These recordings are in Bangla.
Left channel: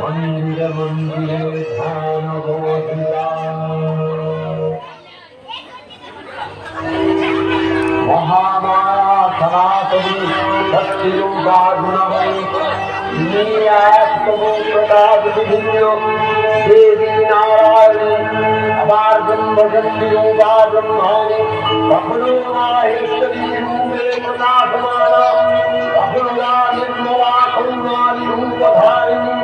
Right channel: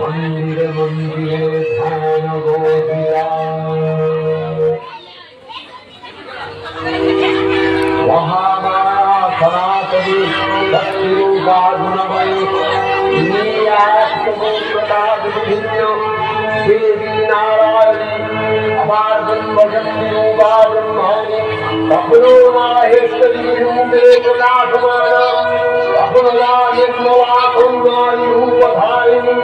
मंदिरे मंदिरे ध्यान गोविंदा महामाया सनातनी भक्तिरूपा गुणमयी देवी नारायणी अपार्जन भजन्ति रूपा ब्रह्माणि कपलो माहेश्वरी रूपे प्रकाशमाना कपला निर्मला करुणानि रूपधारिणी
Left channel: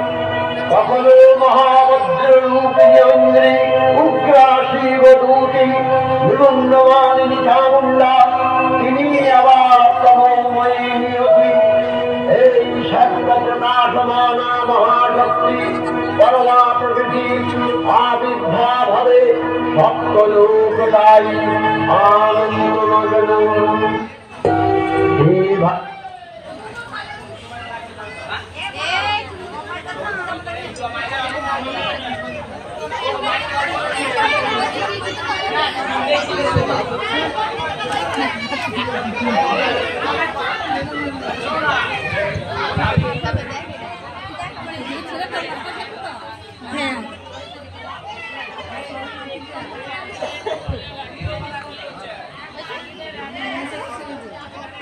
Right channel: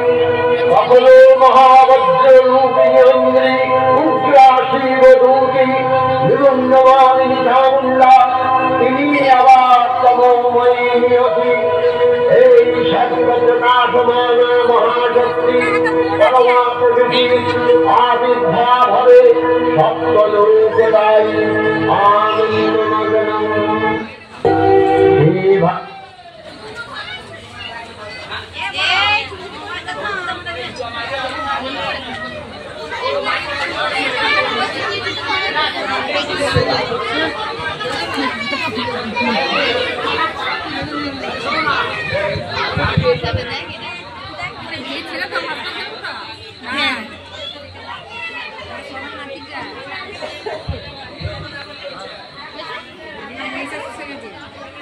कपलो महावज्र रूपिणी उग्रा शिवदूती निरुन्नमानि चामुण्डा तिनी आवार तमोमयी नियति हे सर्वप्रकाशमाना महाशक्ति परमा प्रकृति आविर्भावे सप्तलोकदायी आनन्दमग्नम्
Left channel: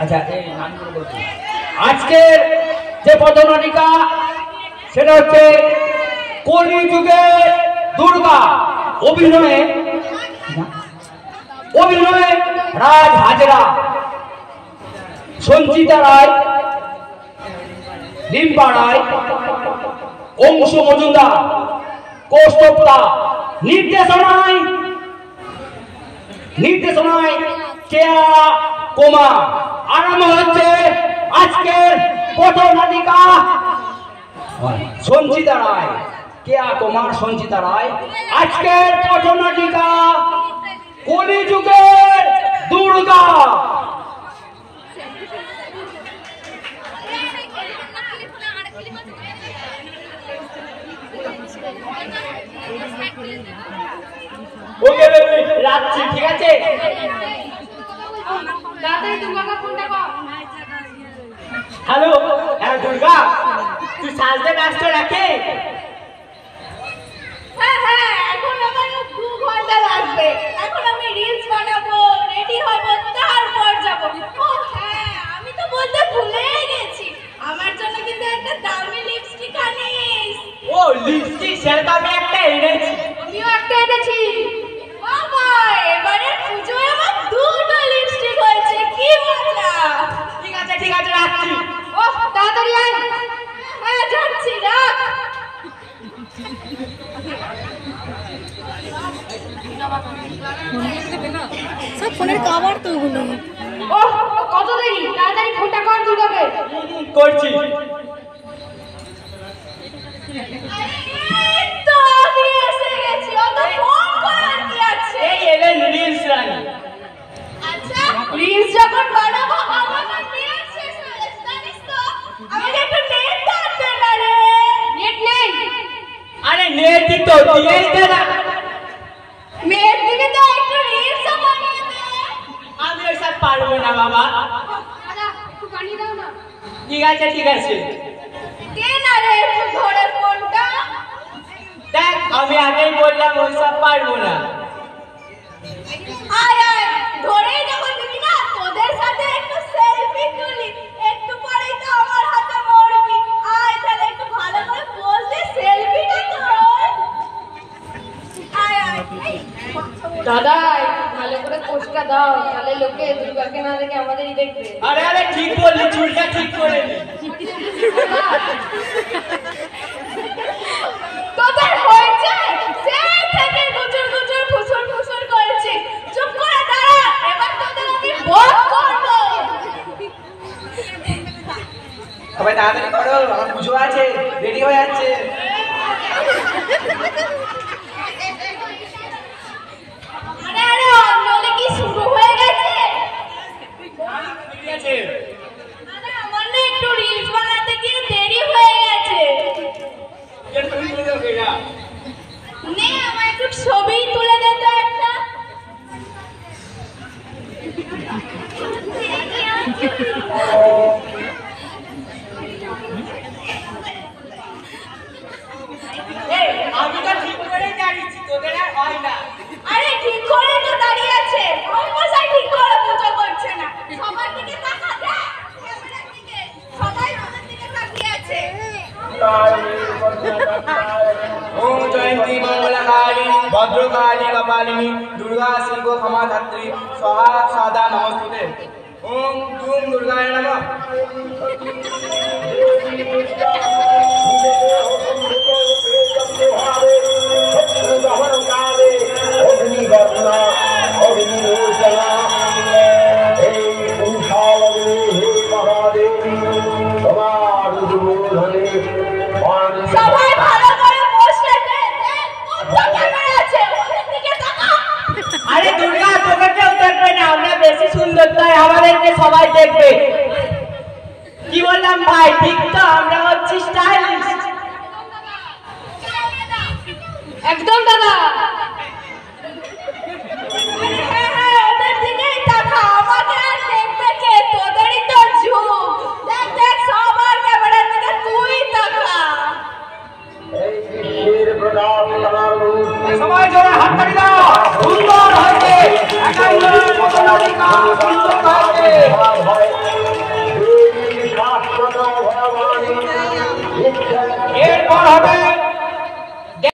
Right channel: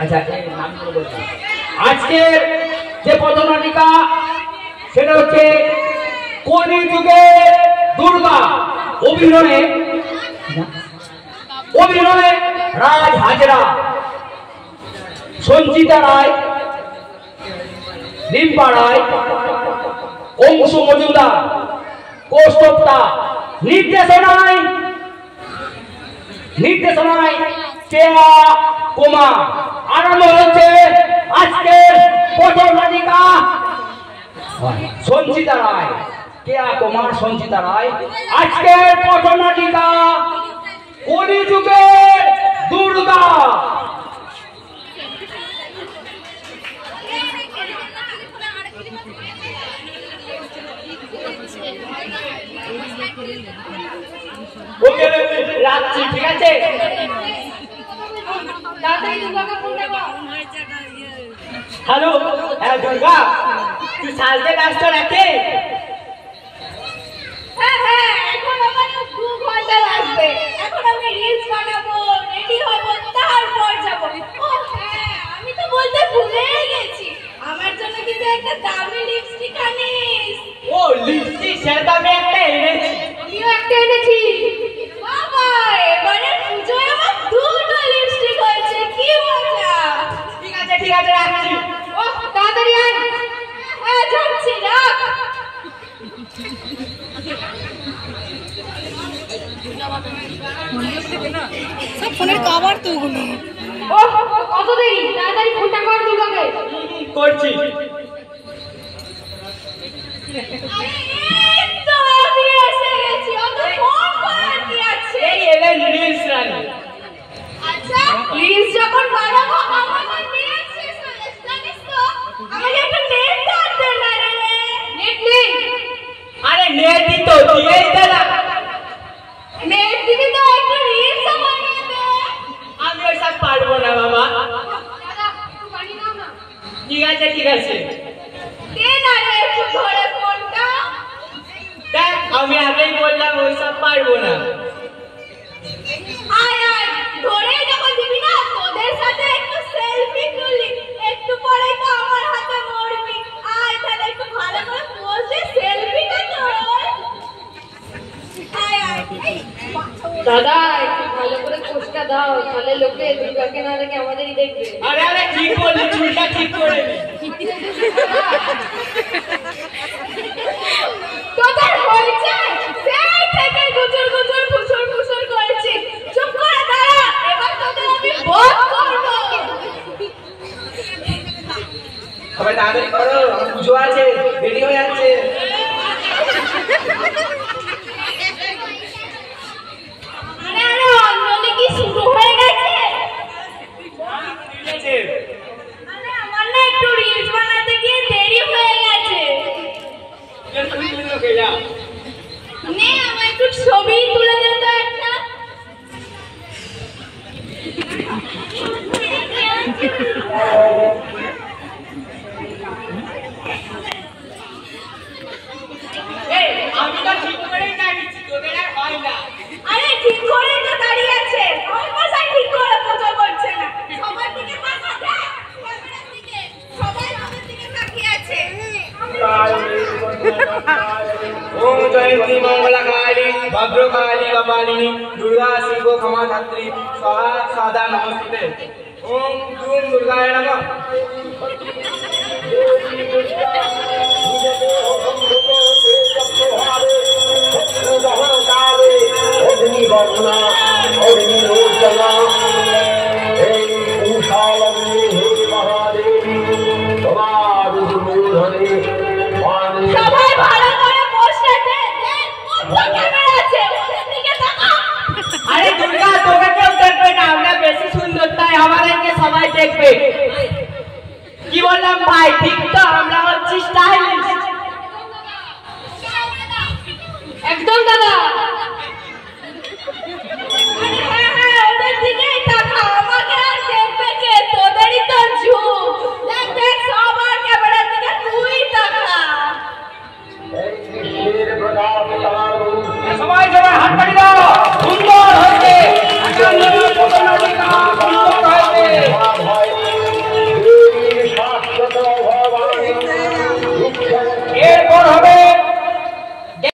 আচ্ছা এই নামগুলো বলছি আজকের যে পদনাটিকা সেটা হচ্ছে কলিযুগে দুর্গা অভিনয়ে রাজ হাজরা সঞ্চিতা রায় রিম্পা রায় অংশু মজুমদার কৌস্তবতা নির্দেশনায় কেয়া কুমার আরম্ভ হচ্ছে আজকের পটনাটিকা সঞ্চিতা রায় কেয়া কুমার সঞ্চিতা রায় আজকের পটনাটিকা কলিযুগের দুর্গা ওকে রাখছি ঠিক আছে হ্যালো হ্যাঁ দুর্গা তুই সাজতে ব্যস্ত রাখে হ্যাঁ এখন আমার 2 ঘন্টা লাগবে এখন আমি রিলস বানাবো রেডি হব তারপর যাব ও হ্যাঁ আমি তো বলতে ভুলেই গেছি আমার জন্য কিন্তু একটা দামি লিপস্টিক আনিস ও লিপস্টিক সেটা আমি একটা এনেছি আমিও একটা এনেছি বাবা এবারে পূজোয় আমার 2টো লিপস্টিক হয়েছে কি মজা ঠিক আছে রাখছি ও তাড়াতাড়ি আয় হ্যাঁ যাচ্ছি রাখ ফোনের কভার তো ওগুলো ও কত দেরি তাড়াতাড়ি ফোনটা কর দুর্গাকে করছি তো আমি এসে গেছি অত ফোন করার কি আছে এই এলেন রিলস রানি আচ্ছা প্লিজ যখন বানাবো আমার নেট শেষ হয়ে যাচ্ছে জানিস তো আমাকে একটু নেট টানতে না রে নেট নেই আরে নেটই তো দিয়েই দে না নেট দিকে তো একটু রিলস বানিয়ে দে আমি ওইসব পারবো না বাবা দাদা একটু বানিয়ে দাও না ঠিক আছে দে না রে একটু ধরে ফোনটা দেখ আমি আগেই বললাম ওইসব পারবো না আয় ধরেই যখন দিবি না তোদের সাথে একটু সেলফি তুলি একটু পরেই তো আমার হাতে মরবি আয় তাহলে একটু ভালো করে পোজ দে সেলফিটা তোর আয় দাদা একটু ভালো করে পোজটা দাও তাহলে লোকে দুর্গাকে না দেখে আমাদেরই দেখবে আরে ঠিক করলি চুলটা ঠিক করে তোদের হয়েছে সেই থেকে গুজর ফুসুর করেছি চুপ করে দাঁড়া এবার তোদের আমি বধ করব সবাই তাড়াতাড়ি করো আমার পুজো আছে রেডি হয়ে যাচ্ছে আরে অঞ্জলি কি শুরু হয়ে গেছে আরে আমার না একটু রিলস বানাতে গিয়ে দেরি হয়ে গেছে নে আমার একটু ছবি তুলে দে তো একটা আমি তো ঠিক করেই জানিছি তোদের আর হয় না। আরে ঠিক করেই তো দাঁড়িয়ে আছে, মশাই ঠিক করে পুজো করছে না। সবার দিকে তাকা, দেখ ক্যামেরার দিকে, সবাই তোদের দিকে তাকিয়ে আছে। ओम जयंती मंगला काली भद्रकाली कपालिनी दुर्गा शिव क्षमा धात्री स्वाहा सादा नमस्ते। ओम धूम दुर्गाय नमः। সবাই ভালো করে পোস্টার দেন, কত ক্যামেরা আছে, ওদের দিকে তাকা। আরে দুর্গা তোকে কেউ দেখবে না, আমরা বেশি সুন্দর তাই আমাদেরকে সবাই দেখবে। কি বললাম ভাই, ঠিক তো? আমরা হচ্ছি স্টাইলিশ। একদম দাদা।